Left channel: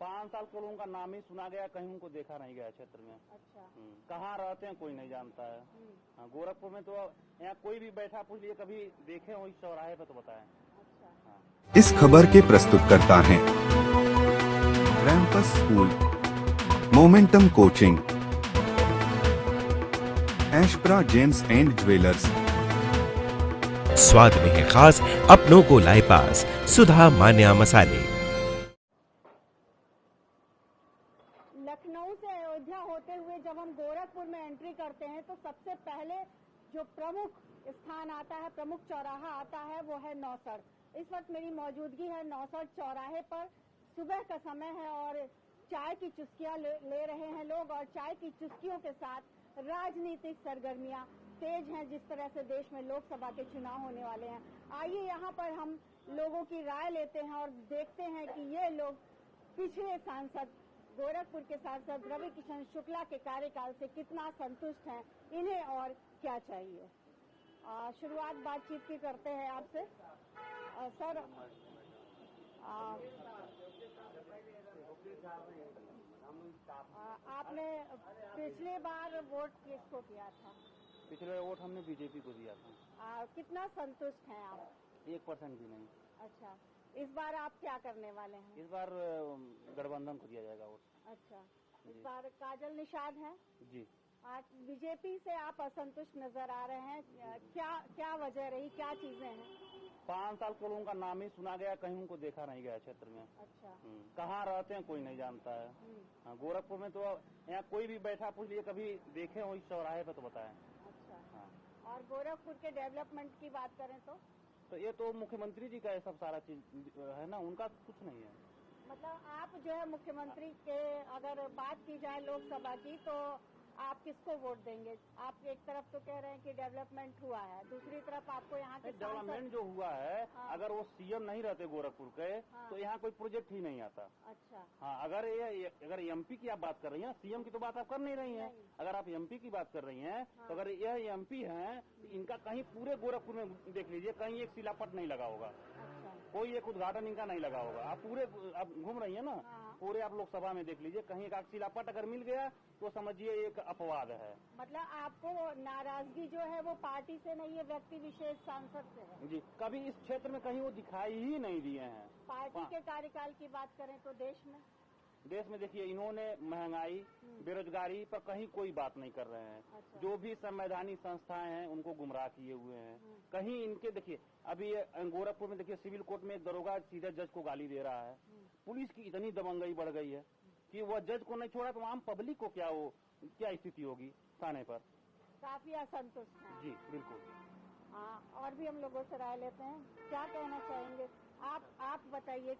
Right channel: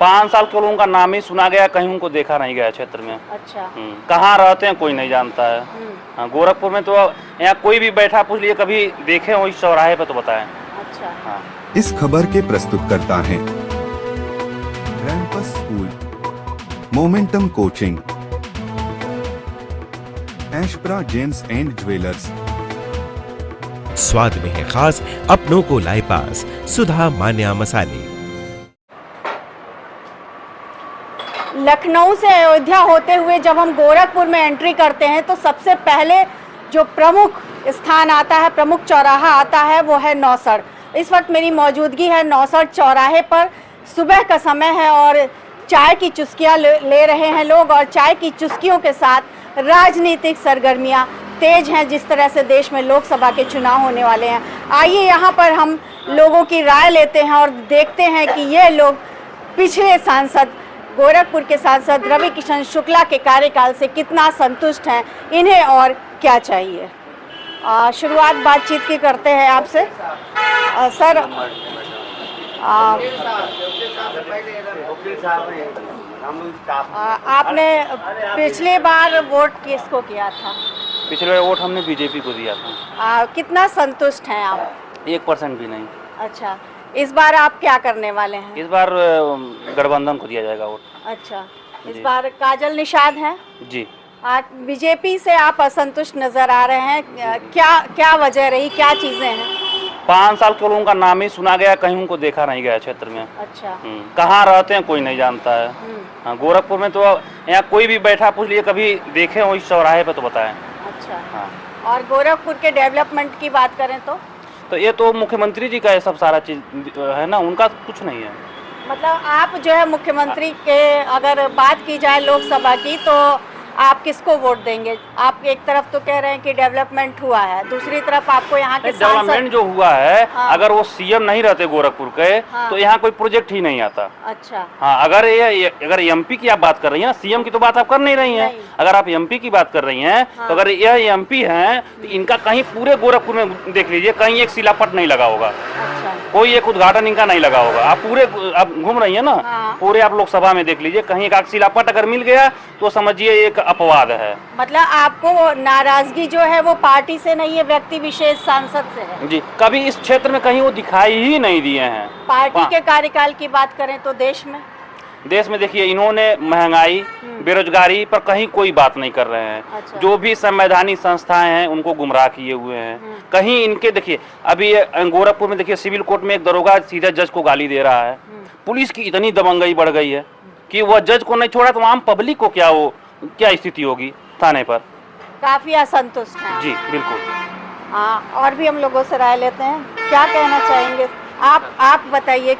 5 साल के लोगों का नाम ही सुना गया, कहीं उनको देखा नहीं गया क्षेत्र में। अच्छा। कहाँ रहते हैं कोई नहीं जानता है। हाँ, गोरखपुर में तो यहाँ कोई भी बैठा पूछ लिए कभी देखे हो इस चौराहे पे तो बताएं। अच्छा। हाँ। इस खबर के प्रस्तुतकर्ता हैं रैंपस स्कूल, मोमेंटम कोचिंग, एशप्रा जेम्स एंड ज्वेलर्स। स्वाद में है खास, अपनों को लाए पास, सुधा मान्या मसाले। लखनऊ से अयोध्या होते हुए जब हम गोरखपुर में एंट्री करते हैं तो सबसे पहले जो प्रमुख स्थान आता है, प्रमुख चौराहा आता है, वो है नौसड़। इस वक्त मेरी मौजूदगी है नौसड़ चौराहे पर। सुबह का समय है और चाय की चुस्कियाँ ले रहे हैं लोग, और चाय की चुस्कियों के साथ राजनीतिक सरगर्मियाँ तेज हैं। जिस तरह से देश में लोकसभा के चुनाव होने वाले हैं, आइए यहाँ पर हम लोगों की राय लेते हैं और देखते हैं कि ये लोग पिछले सांसद, गोरखपुर के सांसद रवि किशन शुक्ला के कार्यकाल से कितना संतुष्ट हैं, इन्हें और क्या चाहिए। शुरुआत बातचीत की करते हैं आपसे। सर, आपने पिछली बार वोट किसको किया था? पिछले बार वोट हमने बीजेपी को दिया था। कितना संतुष्ट हैं आप? 1% भी नहीं। अच्छा, इस बार आप क्या करने वाले हैं? इस बार गठबंधन को दिया जाएगा वोट। अच्छा, इस बार काजल निषाद है जी। बीजेपी से आप असंतुष्ट नजर आ रहे हैं, क्या वजह रही, क्या चीजें हैं? 5 साल के लोगों का नाम ही सुना गया, कहीं उनको देखा नहीं गया क्षेत्र में। अच्छा। कहाँ रहते हैं कोई नहीं जानता है। हाँ, गोरखपुर में तो यहाँ कोई भी बैठा पूछ लिए कभी देखे हो इस चौराहे पे तो बताएं। अच्छा। हाँ। और गोरखपुर के डेवलपमेंट की बात करें तो ये तो मुख्यमंत्री जी का ये सब सारा चीज है ना, उनका कुछ नहीं है। मतलब आप जो है मुख्यमंत्री के अगर बात की जाए लोकसभा की, तो आप किसको वोट देंगे? आप एक तरफ तो कह रहे हैं कि डेवलपमेंट हुआ है, दूसरी तरफ आपको यहाँ के डेवलपमेंट जो हुआ है, हाँ। अगर वो सीएम नहीं रहते गोरखपुर के, हाँ। तो यहाँ कोई प्रोजेक्ट ही नहीं आता। अच्छा। हाँ, अगर एमपी की आप बात कर रही हैं, सीएम की तो बात आप कर नहीं रही हैं। अगर आप एमपी की बात कर रही हैं, हाँ। तो अगर यह एमपी हैं तो इनका कहीं पूरे गोरखपुर में देख लीजिए, कहीं एक शिलापट नहीं लगा होगा। अच्छा। कोई एक उद्घाटन इनका नहीं लगा होगा। आप पूरे आप घूम रही हैं ना, हाँ। पूरे आप लोकसभा में देख लीजिए, कहीं एक शिलापट अगर मिल गया तो समझिए एक अपवाद है। मतलब आपको नाराजगी जो है वो पार्टी से नहीं है, व्यक्ति विशेष सांसद से है जी। कभी इस क्षेत्र में कहीं वो दिखाई ही नहीं दिए हैं। पार्टी के कार्यकाल की बात करें तो देश में देखिए, इन्होंने महंगाई, बेरोजगारी पर कहीं कोई बात नहीं कर रहे हैं। अच्छा। जो भी संवैधानिक संस्थाएं हैं उनको गुमराह किए हुए हैं। कहीं इनके देखिए, अभी गोरखपुर में देखिए सिविल कोर्ट में एक दरोगा सीधा जज को गाली दे रहा है। पुलिस की इतनी दबंगई बढ़ गई है कि वह जज को नहीं छोड़ा तो आम पब्लिक को क्या स्थिति होगी थाने पर। काफी असंतुष्ट हैं। जी बिल्कुल। हाँ, और भी हम लोगों से राय लेते हैं, क्या कहना चाहेंगे आप बताइए,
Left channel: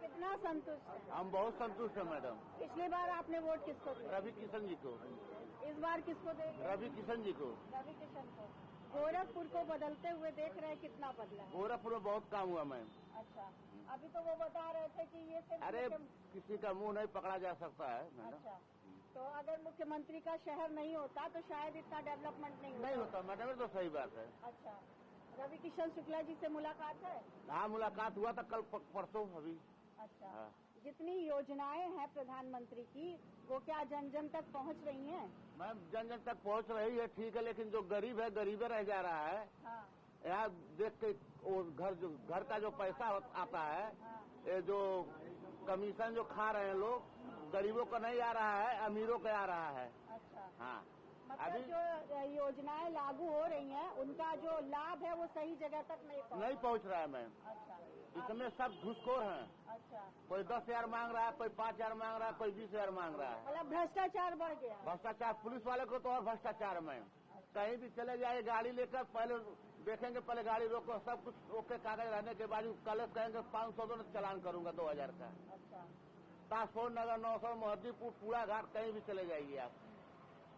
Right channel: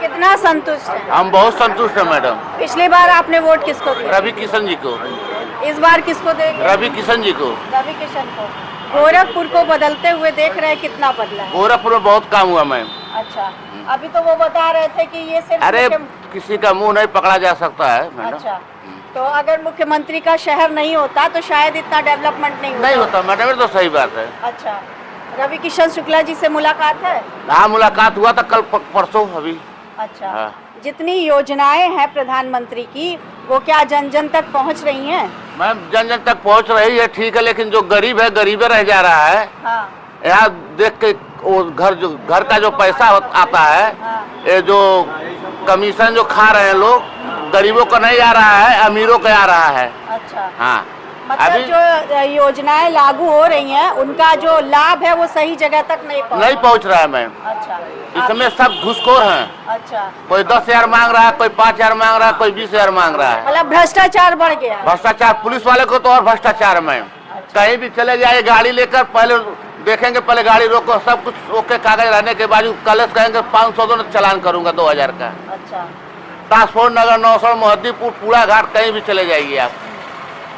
कितना संतुष्ट है? हम बहुत संतुष्ट हैं मैडम। पिछली बार आपने वोट किसको दिया? रवि किशन जी को। इस बार किसको देंगे? रवि किशन जी को। रवि किशन को। गोरखपुर को बदलते हुए देख रहे हैं, कितना बदला है? गोरखपुर में बहुत काम हुआ मैम। अच्छा, अभी तो वो बता रहे थे कि ये सिर्फ अरे किसी का मुंह नहीं पकड़ा जा सकता है मैडम। अच्छा, तो अगर मुख्यमंत्री का शहर नहीं होता तो शायद इतना डेवलपमेंट नहीं होता मैडम, तो सही बात है। अच्छा, रवि किशन शुक्ला जी से मुलाकात है? हाँ, मुलाकात हुआ था कल परसों अभी। अच्छा। हाँ। जितनी योजनाएं हैं प्रधानमंत्री की, वो क्या जन जन तक पहुंच रही हैं? मैम, जन जन तक पहुंच रही है, ठीक है, लेकिन जो गरीब है गरीबे रह जा रहा है। हाँ। यहाँ देख के वो घर का जो पैसा आता है, हाँ। ये जो कमीशन जो खा रहे हैं लोग, गरीबों को नहीं आ रहा है, अमीरों को आ रहा है। अच्छा। हाँ, मतलब जो योजनाएं लागू हो रही हैं उनका जो लाभ है वो सही जगह तक नहीं पहुंच रहा है मैम। अच्छा। इसमें सब घुसखोर हैं। अच्छा। कोई 10,000 मांग रहा है, कोई 5,000 मांग रहा है, कोई 20,000 मांग रहा है। मतलब भ्रष्टाचार बढ़ गया। भ्रष्टाचार पुलिस वाले को तो और भ्रष्टाचार मैम। कहीं भी चले जाए गाड़ी लेकर, पहले देखेंगे, पहले गाड़ी रोको, सब कुछ ओके कागज रहने के बाद कल कहेंगे 500 दो चालान करूंगा 2,000 का। अच्छा। ट्रांसपोर्ट नगर, नौसड़, मोहद्दीपुर, पूरा घाट, कहीं भी चले जाइए आप।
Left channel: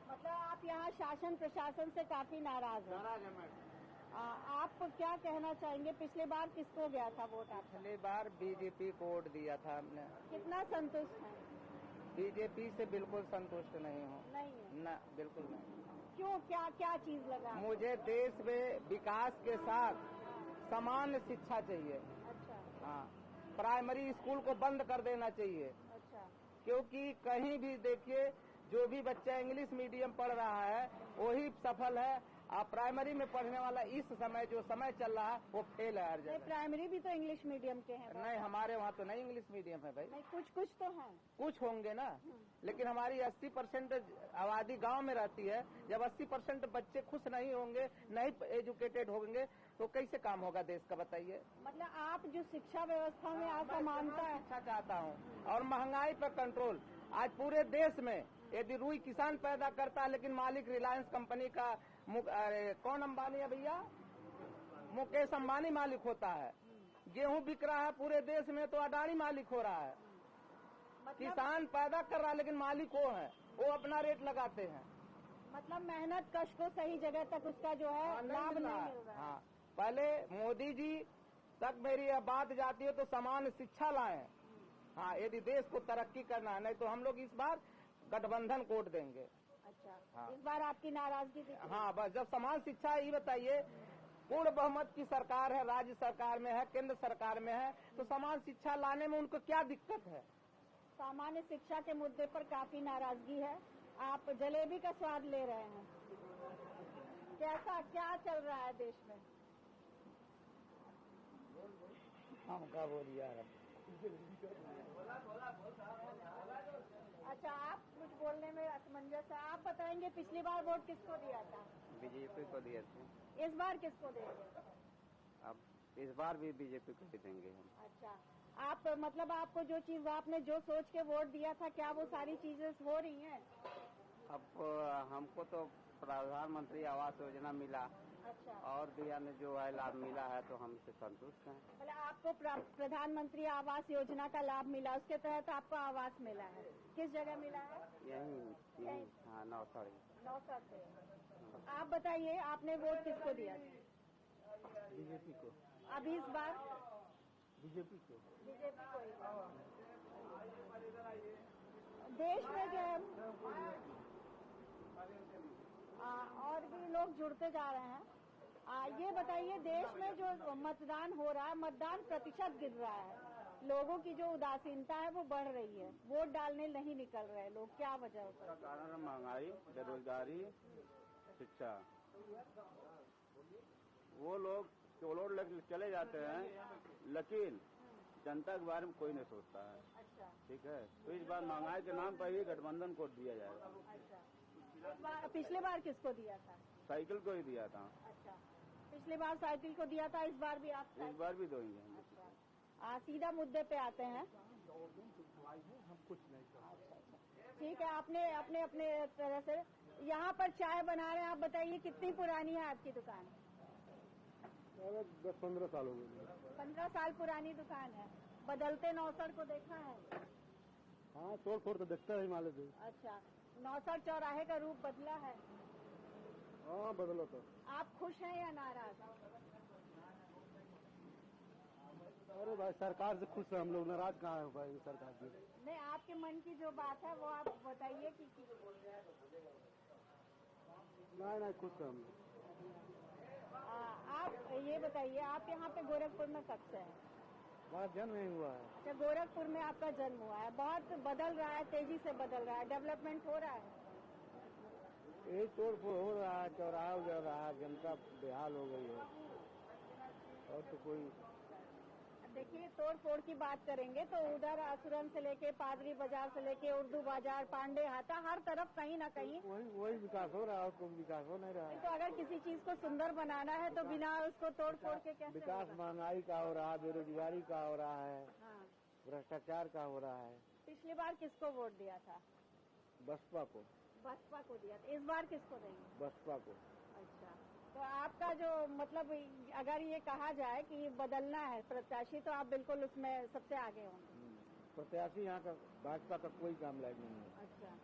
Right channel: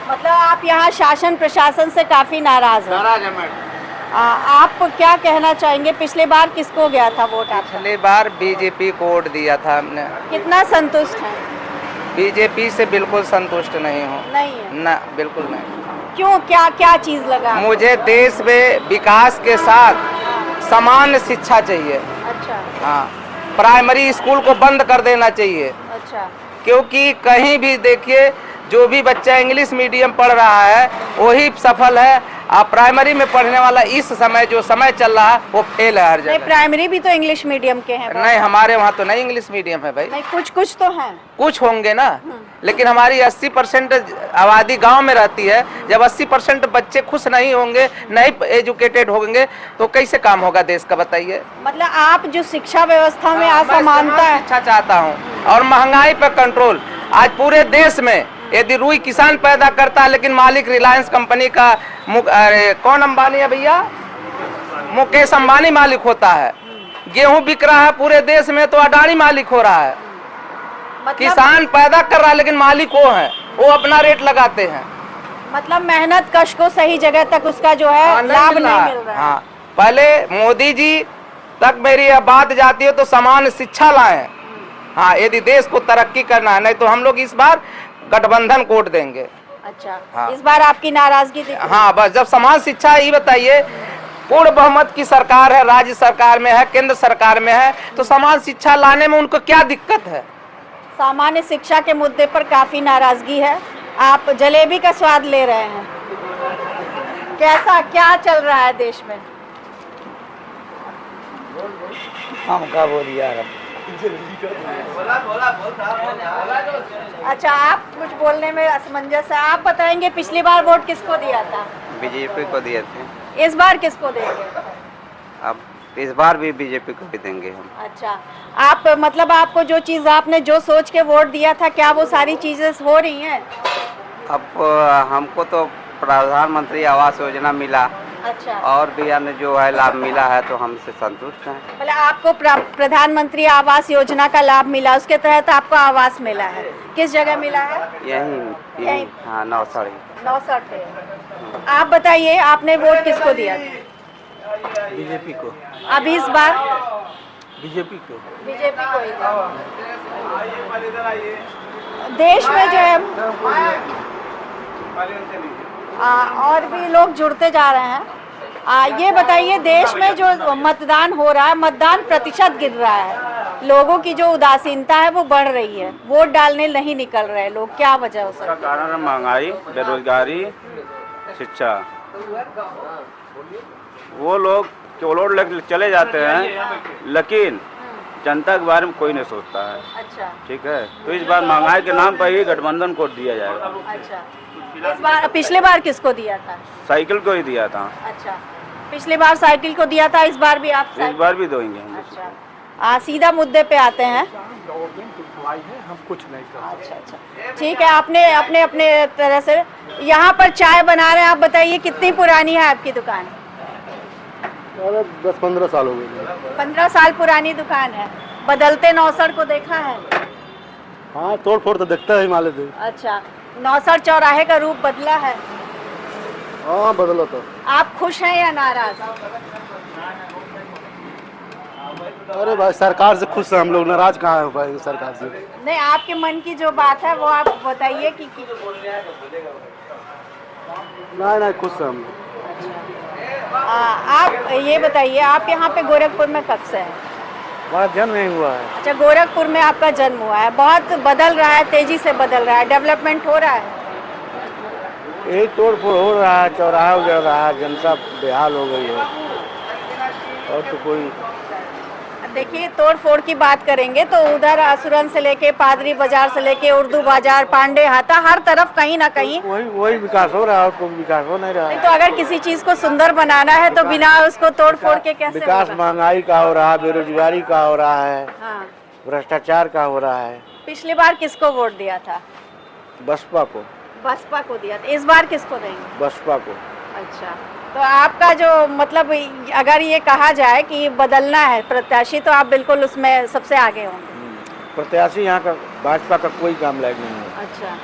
मतलब आप यहाँ शासन प्रशासन से काफी नाराज हैं? नाराज है मैडम। आप क्या कहना चाहेंगे, पिछले बार किसको गया था वोट? पिछले बार बीजेपी को वोट दिया था हमने। कितना संतुष्ट हैं? बीजेपी से बिल्कुल संतुष्ट नहीं हूँ। नहीं है? ना, बिल्कुल नहीं। क्यों, क्या चीज लगा? मुझे देश में विकास के साथ समान शिक्षा चाहिए। अच्छा। हाँ, प्राइमरी स्कूल को बंद कर देना चाहिए, अच्छा, क्योंकि कहीं भी देखिए जो भी बच्चा इंग्लिश मीडियम पढ़ रहा है वही सफल है। आप प्राइमरी में पढ़ने वाला इस समय जो समय चल रहा है वो फेल है हर नहीं जगह। प्राइमरी भी तो इंग्लिश मीडियम के हैं। नहीं, हमारे वहाँ तो नहीं इंग्लिश मीडियम है भाई। नहीं, कुछ तो हैं। कुछ होंगे ना, लेकिन हमारी 80% आबादी गांव में रहती है। जब 80% बच्चे खुश नहीं होंगे, नहीं एजुकेटेड होंगे, तो कैसे काम होगा देश का, बताइए। मतलब आप जो शिक्षा व्यवस्था में असमानता है, अच्छा चाहता हूँ और महंगाई पर कंट्रोल। आज पूरे देश में यदि रुई किसान पैदा करता है, लेकिन मालिक रिलायंस कंपनी का कौन अंबानी है भैया, मुकेश अंबानी मालिक होता है। गेहूं बिक रहा है पूरे देश में तो अडानी मालिक हो रहा है। मतलब किसान पैदा कर रहा है लेकिन मालिक वो है, वो अपना रेट लगाते हैं। मतलब मेहनत कश को सही जगह तक उसका जो है लाभ नहीं मिल रहा है। हाँ, पहले मोदी जी तक मेरी यह बात जाती है तो समान शिक्षा लाएं। हाँ, यदि देश को तरक्की करना है, नहीं तो हम लोग इस बार गठबंधन कोट देंगे। अच्छा, हाँ। इस बार आपकी नाराजगी दिख रही है। हाँ, बस जब समान शिक्षा, ये बताइए, पूर्ण बहुमत की सरकार है, राज्य सरकार में है, केंद्र सरकार में है, तो समान शिक्षा लाने में उनको क्या दिक्कत है? सामान्य शिक्षा के मुद्दे पर काफी नाराजगी है। आप जलेबी का स्वाद ले रहे हैं, कैसा क्या चल रहा है देश में? हम क्या बोलिए यार। अच्छा, आप कुछ बोलने में असमंजस है। आप बताएंगे पिछली बार वोट किसको दिया था? बीजेपी को दिए थे। इस बार किसको देंगे? अब इस बार भी बीजेपी को भी देंगे हम। अच्छा, आप मतलब आपको जो चीज आपने जो सोच के वोट दिया था, क्या वो सारी चीजें हो रही हैं? अब हमको तो प्रधानमंत्री आवास योजना मिला अच्छा, और भी अन्य जो है लाभ मिला है, तो हमसे संतुष्ट हैं। मतलब आपको प्रधानमंत्री आवास योजना का लाभ मिला, उसके तहत आपको आवास मिला है। किस जगह मिला है? यही हाँ, 960 पे। आप बताइए, आपने वोट किसको दिया? बीजेपी को। अब इस बार बीजेपी को ही दिया। देश में जो है और भी लोग जुड़ते जा रहे हैं। ये बताइए, देश में जो मतदान हो रहा है, मतदान प्रतिशत गिर रहा है, लोगों की जो उदासीनता है वो बढ़ रही है, वोट डालने नहीं निकल रहे लोग, क्या वजह हो सकती है? कारण है महंगाई, बेरोजगारी, शिक्षा। वो लोग वोट लेकर चले जाते हैं, लेकिन जनता के बारे में कोई नहीं सोचता है। अच्छा, ठीक है, तो इस बार महंगाई के नाम पर ही गठबंधन को दिया जाएगा। अच्छा, इस बार पिछले बार किसको दिया था? साइकिल को ही दिया था। अच्छा, पिछले बार साइकिल को दिया था, इस बार भी आप इस बार भी देंगे हम। अच्छा, सीधा मुद्दे पे आते हैं। हम कुछ नहीं कर। अच्छा, ठीक है। आपने अपने अपने तरह से यहाँ पर चाय बना रहे हैं। आप बताइए, कितनी पुरानी है आपकी दुकान? 10-15 साल हो गए। 15 साल पुरानी दुकान है। बदलते नौसड़ को देखा है? हाँ, तोड़ फोड़ तो देखता है हिमालय से। अच्छा, नौसड़ चौराहे का रूप बदला है। हाँ, बदला तो। आप खुश हैं या नाराज? अरे भाई, सरकार से खुश है हम लोग, नाराज कहाँ है भाई सरकार से। नहीं, आपके मन की जो बात है वो आप बताइए कि नहीं, खुश है हम लोग। आप ये बताइए, आप यहाँ पे गोरखपुर में कब से हैं? हमारा जन्म नहीं हुआ है। अच्छा, गोरखपुर में आपका जन्म हुआ है। बहुत बदल रहा है, तेजी से बदल रहा है, डेवलपमेंट हो रहा है। यही तोड़ फोड़ हो रहा है, चौराहा उजड़ रहा है, जनता बेहाल हो गई है, और तो कोई। देखिए, तोड़ फोड़ की बात करेंगे तो उधर असुरन से लेके पादरी बाजार से लेके उर्दू बाजार, पांडे हाता, हर तरफ कहीं ना कहीं वही विकास हो रहा है, और कोई विकास हो नहीं रहा नहीं। है। तो अगर किसी चीज को सुंदर बनाना है तो बिना उसको तोड़ फोड़ के कैसे विकास होगा? महंगाई का हो रहा है, बेरोजगारी का हो रहा है, हाँ। भ्रष्टाचार का हो रहा है। पिछली बार किसको वोट दिया था? बसपा को। बसपा को दिया था। इस बार किसको देंगे? बसपा को। अच्छा, तो आपका जो मतलब, अगर ये कहा जाए कि बदलना है प्रत्याशी, तो आप बिल्कुल उसमें सबसे आगे होंगे। प्रत्याशी यहाँ का भाजपा का कोई काम लायक नहीं है। अच्छा,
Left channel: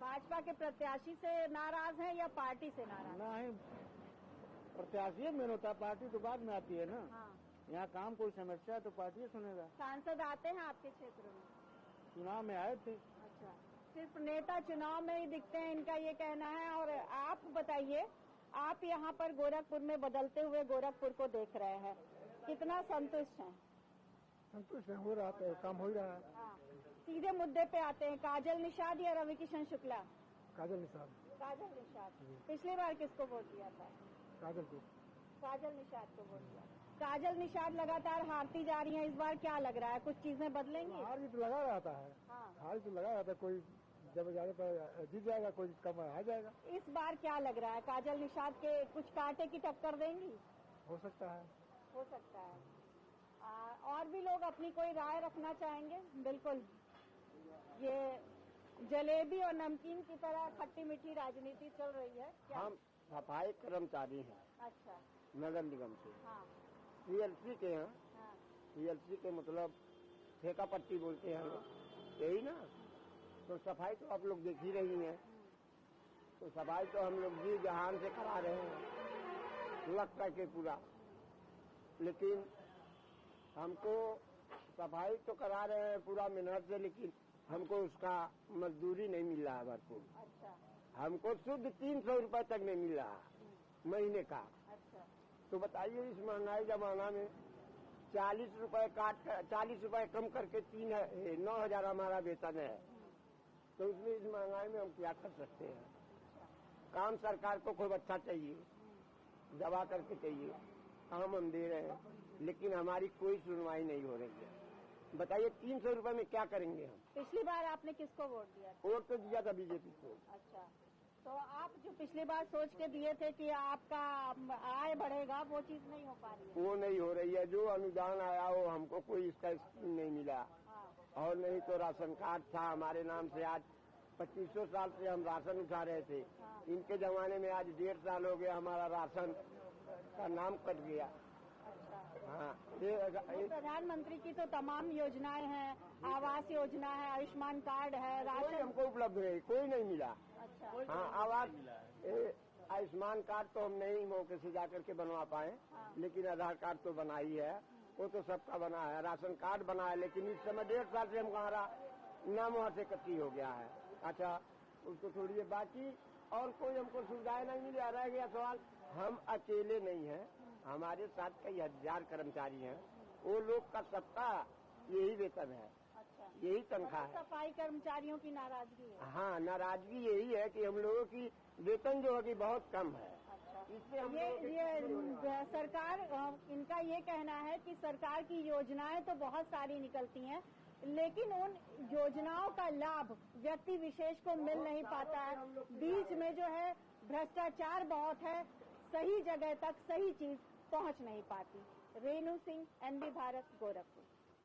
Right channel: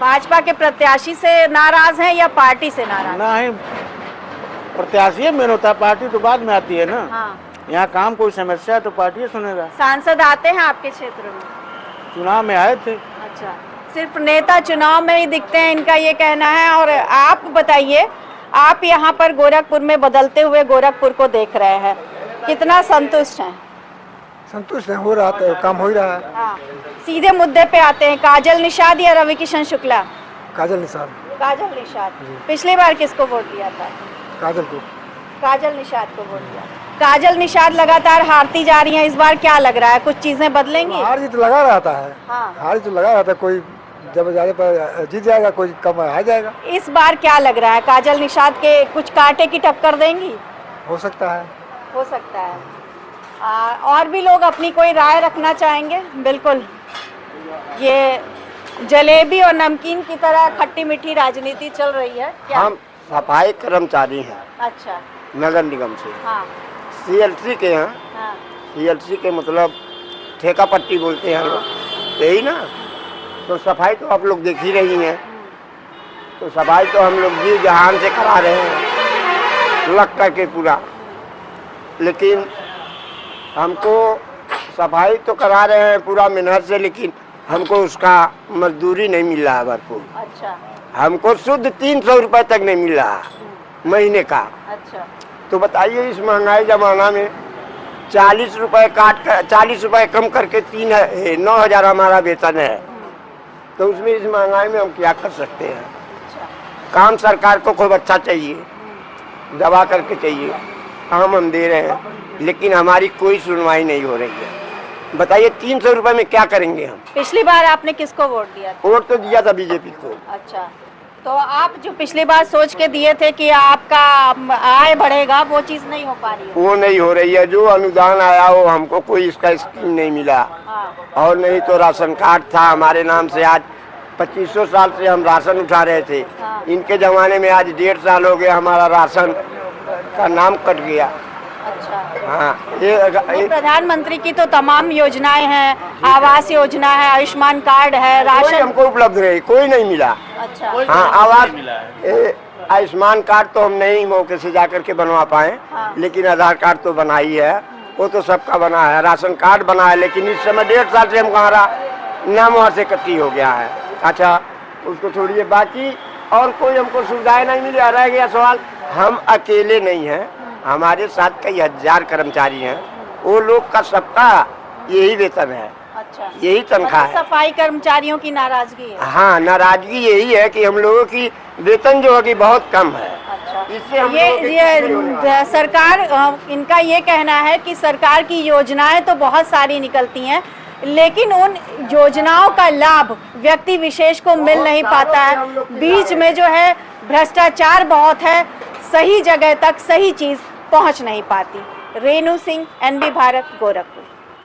भाजपा के प्रत्याशी से नाराज हैं या पार्टी से नाराज? नहीं, प्रत्याशी मेन होता है, पार्टी तो बाद में आती है ना। हाँ। यहाँ काम कोई समस्या है तो पार्टी सुनेगा। सांसद आते हैं आपके क्षेत्र में? चुनाव में आए थे। अच्छा, सिर्फ नेता चुनाव में ही दिखते हैं, इनका ये कहना है। और आप बताइए, आप यहाँ पर गोरखपुर में बदलते हुए गोरखपुर को देख रहे हैं, कितना संतुष्ट हैं? संतुष्ट है, हो रहा है, काम हो ही रहा है। हाँ, सीधे मुद्दे पे आते हैं, काजल निषाद या रवि किशन शुक्ला? काजल निषाद। काजल निषाद। पिछली बार किसको वोट दिया था? काजल को। काजल निषाद को वोट दिया। काजल निषाद लगातार हारती जा रही हैं, इस बार क्या लग रहा है, कुछ चीजें बदलेंगी? हार जीत लगा रहता है। हाँ। हार जीत लगा रहता है, कोई जब ज्यादा पर जीत जाएगा, कोई कम आ जाएगा। इस बार क्या लग रहा है, काजल निषाद के कुछ कांटे की टक्कर देंगी? हो सकता है। हो सकता है। और भी लोग अपनी कोई राय रखना चाहेंगे? बिल्कुल, ये जलेबी और नमकीन की तरह खट्टी मीठी राजनीति चल रही है क्या? हम सफाई कर्मचारी हैं। अच्छा। नगर निगम से। हाँ। CLC के हैं। हाँ। CLC के मतलब ठेका पट्टी बोलते हैं लोग, यही ना। तो सफाई तो आप लोग देख ही रही हैं। तो सफाई तो हम लोग जी जहान से करा रहे हैं, लग करके पूरा। लेकिन हमको सफाई तो करा रहे हैं पूरा मेहनत से, लेकिन हमको उसका मजदूरी नहीं मिल रहा है भरपूर। अच्छा। हमको शुद्ध 300 रुपए तक नहीं मिल रहा महीने का। अच्छा। तो बताइए, इस महंगाई जमाना में 40 रुपए काट कर 40 रुपए कम करके 9,000 हमारा वेतन है। तो उसमें इस महंगाई में हम क्या कर सकते हैं? काम सरकार को खूब अच्छा चाहिए, दबा करके चाहिए, काम हम दे रहे हैं, लेकिन हमारी कोई सुनवाई नहीं हो रही है। बताइए 300 रुपए में क्या करेंगे हम? पिछली बार आपने किसको वोट दिया था? वोट तो दिया था बीजेपी को। अच्छा, तो आप जो पिछली बार सोच के दिए थे कि आपका आय बढ़ेगा, वो चीज नहीं हो पा रही है? वो नहीं हो रही है। जो अनुदान आया वो हमको कोई इसका स्कीम नहीं मिला। हाँ। और नहीं तो राशन कार्ड था हमारे नाम से, आज 2500 साल से हम राशन उठा रहे थे। हाँ। इनके जमाने में आज 1.5 साल हो गया हमारा राशन का नाम कट गया। अच्छा। हाँ, प्रधानमंत्री की तो तमाम योजनाएं हैं, आवास योजना है, आयुष्मान कार्ड है, कोई राशन हमको उपलब्ध नहीं, कोई नहीं मिला। अच्छा। हाँ, आयुष्मान कार्ड तो हम नहीं मौके से जाकर के बनवा पाए। हाँ। लेकिन आधार कार्ड तो बना ही है, वो तो सबका बना है। राशन कार्ड बना है, लेकिन इस समय 1.5 साल से हमारा नाम वहाँ से कटी हो गया है। अच्छा, उसको छोड़िए, बाकी और कोई हमको सुविधाएं नहीं मिली। रह गया सवाल, हम अकेले नहीं हैं, हमारे साथ कई हजार कर्मचारी हैं, वो लोग का सबका यही वेतन है। अच्छा। यही तनख्वाह है। सफाई कर्मचारियों की नाराजगी है? हाँ, नाराजगी यही है कि हम लोगों की वेतन जो है कि बहुत कम है। अच्छा। इससे हम ये सरकार, इनका ये कहना है कि सरकार की योजनाएं तो बहुत सारी निकलती हैं, लेकिन उन योजनाओं का लाभ व्यक्ति विशेष को मिल नहीं पाता है। बीच में जो है भ्रष्टाचार बहुत है, सही जगह तक सही चीज पहुंच नहीं पाती। रेणु सिंह, NB भारत, गोरखपुर।